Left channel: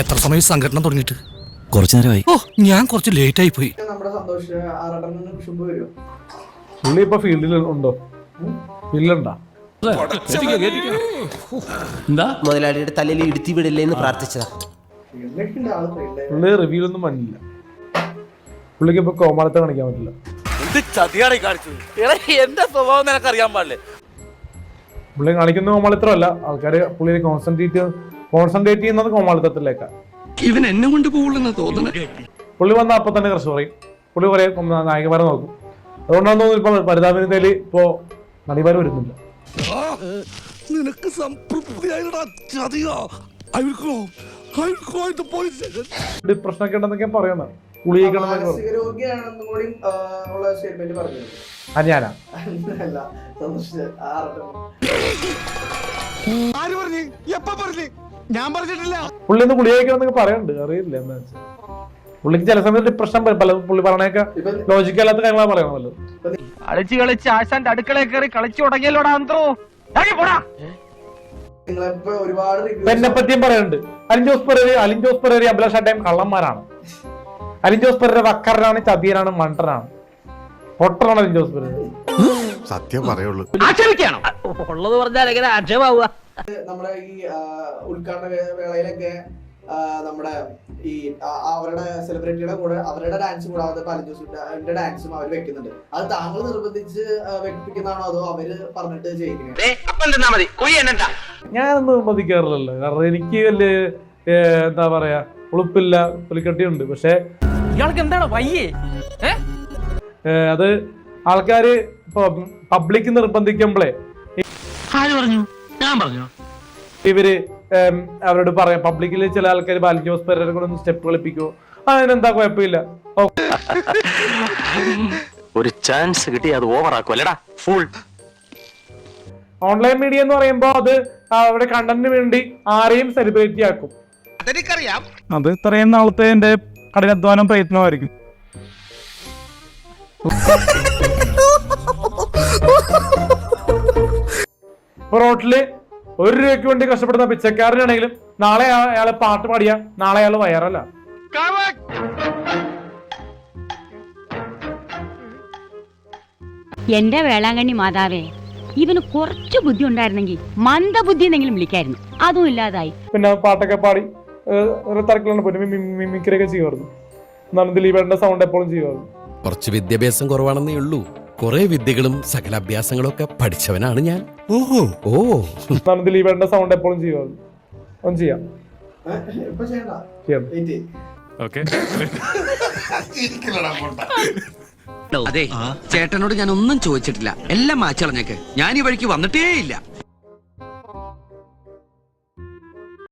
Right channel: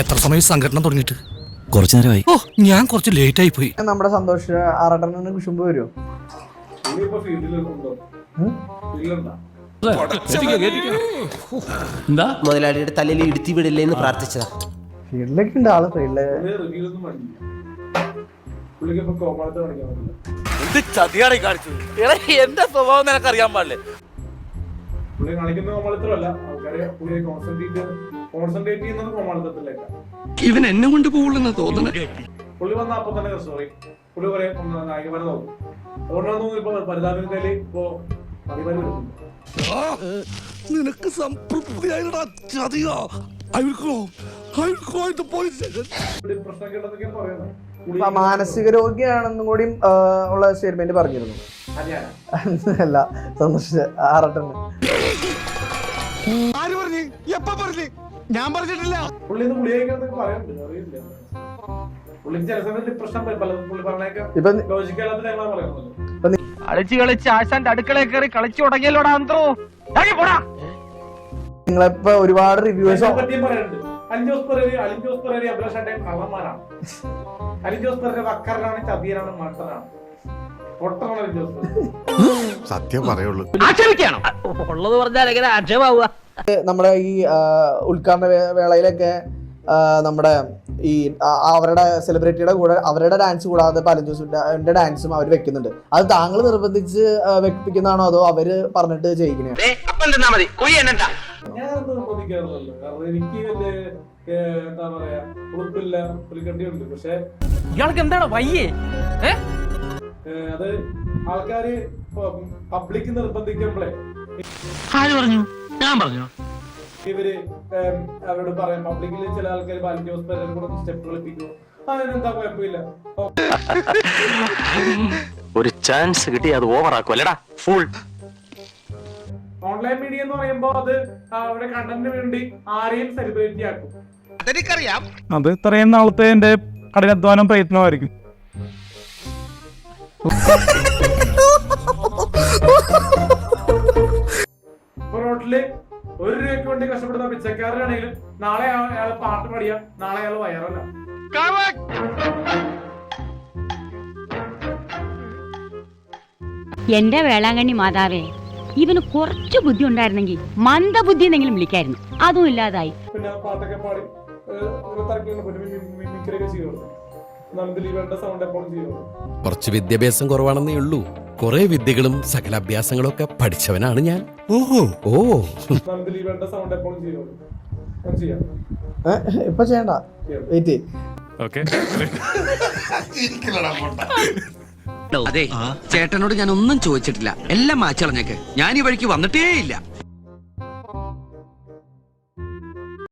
എത്ര സമയം സംഘടന തുടങ്ങിയിട്ട്? കുറച്ചു നേരമായി. ഓ, ഞാൻ കുറച്ച് ലേറ്റ് ആയി പോയി. നമ്മുടെ സന്തോഷ് ആറാട്ടൻ കുശുമ്പ് വരുമോ? പുള്ളി ഇപ്പൊ ഫീൽഡിൽ ഉണ്ടോ? ഫീൽഡിലുണ്ടോ? എന്താ മുതലാളിയുടെ തലയിൽ ഇടുത്തി വിടില്ലേ എന്ന് പ്രാർത്ഥിച്ചതാ. ഫീൽഡിലൊക്കെ ഉണ്ട് ആള്. പുള്ളി റിവ്യൂ ഒന്നും വന്നില്ല. പുള്ളിക്ക് ഇപ്പൊ കോമാളത്തെ കാണിക്കാൻ പറ്റില്ല. എന്റെ സ്വഭാവം നിനക്ക് അറിയാൻ പാടില്ലേ? പുള്ളി കാണിക്കുന്ന കോമാളിത്തരമല്ല, ആൾക്കാര് പുള്ളി കോൺസെൻട്രേറ്റ് ചെയ്യുന്നത് കോമാളിത്തത്തിലേക്കാ. ഇവൻ എന്നെ കൊണ്ട് പോകുള്ളെന്നാ തോന്നുന്നത്. പുള്ളി വന്ന അപ്പൊ തന്നെ ക്രഷ് പറയും. പുള്ളി കുറെ നായകന്മാരെ നോക്കും. അതുകൊണ്ടാണ് തോന്നുന്നു ഇപ്പൊ പരിതാപനത്തില് ഇപ്പോ നടിമാര് വരുന്നില്ല. നിനക്ക് സംതൃപ്തിയായിട്ടാ? ഡിപ്രഷനൊക്കെ ഉണ്ടെന്നൊക്കെ പറയുന്നത്. മാനസിക രോഗിയാണെന്നും കൂടി ഉള്ള സ്റ്റേറ്റ്മെന്റ് പറഞ്ഞിരുന്നു. ഞാനാ അല്ല, സന്തോഷ് ആറാട്ടൻ. ഞാൻ പറഞ്ഞിട്ടില്ല. പുള്ളി ഒന്ന് ഗുളികഴിക്കണമെന്നൊക്കെ പറയുന്നുണ്ട്, അറിയില്ല എന്താ. പുള്ളിക്ക് ചില സമയത്ത് ഡിപ്രഷൻ പുള്ളി പറഞ്ഞേക്കാം. ഇപ്പൊ ലോജിക്കല്ലാത്ത കാര്യങ്ങളാ പറയുന്നല്ലോ. കളിച്ച് കളിച്ച് ആശാന്റെ അടുക്കളയിൽ കയറി കളിച്ചു തുടങ്ങിയല്ലോടാ അന്ത്രോ. നിങ്ങളിപ്പോ ഒരുപാട് എന്നെ പറ്റിയും പറയുന്നുണ്ട്. അലിൻ ജോസ് പെരേര അഭിലാഷ് ടൈം കള്ളന്മാരാണ്. അലിൻ ജോസ് പെരേര വക്കറിനാണ്, ചതിയനാണ്, മണ്ടനാണ്, പൊട്ടറാണ് അലിൻ ജോസ് പെരേര. സത്യം പറയുള്ളൂ. ആക്ഷേപിക്കാണോ? ഉള്ളത് പറഞ്ഞാൽ എങ്ങനെ ആക്ഷേപാവുക? നമ്മുടെ ഈ ഉദ്ഘാടന വേളയിലൊക്കെ നമ്മുടെ ഈ അവരുടെ സെലിബ്രിറ്റിയുടെ കൂടെ അവരുടെ ഡാൻസ് കൂടാതെ അലിൻ ജോസിന്റെ ഡാൻസും അവർ വെക്കുന്നുണ്ട്. അത് താങ്കൾ നിർബന്ധിച്ച് വെപ്പിക്കുന്നതാണോ അതോ അവര് പറഞ്ഞിട്ട് ചെയ്യിക്കണേ? ഞാനൊന്നും നിർബന്ധിക്കാറില്ലല്ലോ. കാരണം എനിക്ക് വലിയ എന്താ പറയാ ഉളുപ്പില്ല, പുലിക്കട്ടിയുണ്ട്. പക്ഷെ ഇയാൾക്ക് എന്താണ് വയ്യേ? അത് ആൾക്കാര് പബ്ലിക് നിർബന്ധിക്കുമ്പോഴേ ഞാൻ പറഞ്ഞു ഇവര് അവരോട് പറയാം. പബ്ലിക്കില് ചില ആൾക്കാർ അലിൻ ജോസ് പെരേര കൂടെ ഒന്ന് സ്റ്റെപ്പ് കളിപ്പിക്കുമോ? അതിനെന്താ കുഴപ്പമില്ല. ഒരു ചാൻസ് കിട്ടി അത് ഓവർ ആക്കുമല്ലടാ ഫുൾ. ഓൺലൈൻ മീഡിയ എന്ന് പറയുമ്പോ അത് അവിടെ കണ്ടന്റിന് വേണ്ടി ആരെയും സെലിബ്രിറ്റി ആക്കും. അതെനിക്കറിയാം. അത് ഇത്രയും നാളത്തെ എന്റെ കഠിനാധ്വാനം പ്രയത്നമായിരിക്കും. ഇപ്പൊ റോട്ടില് 1 രൂപയ്ക്ക് വേണ്ടി കഷ്ടപ്പെടുന്ന പിച്ചക്കാരനാണെങ്കിലും നാളെ അയാളെ പാട്ട് പാടിയ നാളെ അയാൾ വയറല്ല. എന്റെ വേളാങ്കണ്ണി മാതാവേ, ഇവന് കുറച്ചു ബുദ്ധി ഉണ്ടായിരുന്നെങ്കിൽ മന്ദബുദ്ധി എന്നെങ്കിലും വിളിക്കായിരുന്നു. അതും ഇല്ലാതായി. പിന്നെ പാട്ടൊക്കെ പാടി ഒരു തരക്കിലാണ് പോയി മിമിക്രിയൊക്കെ ചെയ്യുമായിരുന്നു. എന്നാലും ദിലീപേട്ടന്റെ സൗണ്ട് എപ്പോഴും ചെയ്യുമായിരുന്നു. കുറച്ച് വിദ്യാഭ്യാസം കുറവാണെന്നേ ഉള്ളൂ. കുറെ വിദ്യകളും സകല അഭ്യാസങ്ങളും ഒക്കെ പഠിച്ചവനാണ് ഞാൻ. എന്നാലും ദിലീപേട്ടന്റെ സൗണ്ട് എപ്പോഴും ചെയ്യുമായിരുന്നു. ഒന്നും ചെയ്യാം. ഇപ്പൊ ചെയ്യണ്ട. അതെ, ചേട്ടനോട് ഞാൻ ഒന്നും ചോദിച്ചിട്ടില്ല. എല്ലാം മാച്ചളഞ്ഞേക്ക്. ഞാൻ ഈ വഴിക്ക് വന്നിട്ടേ ഇല്ല.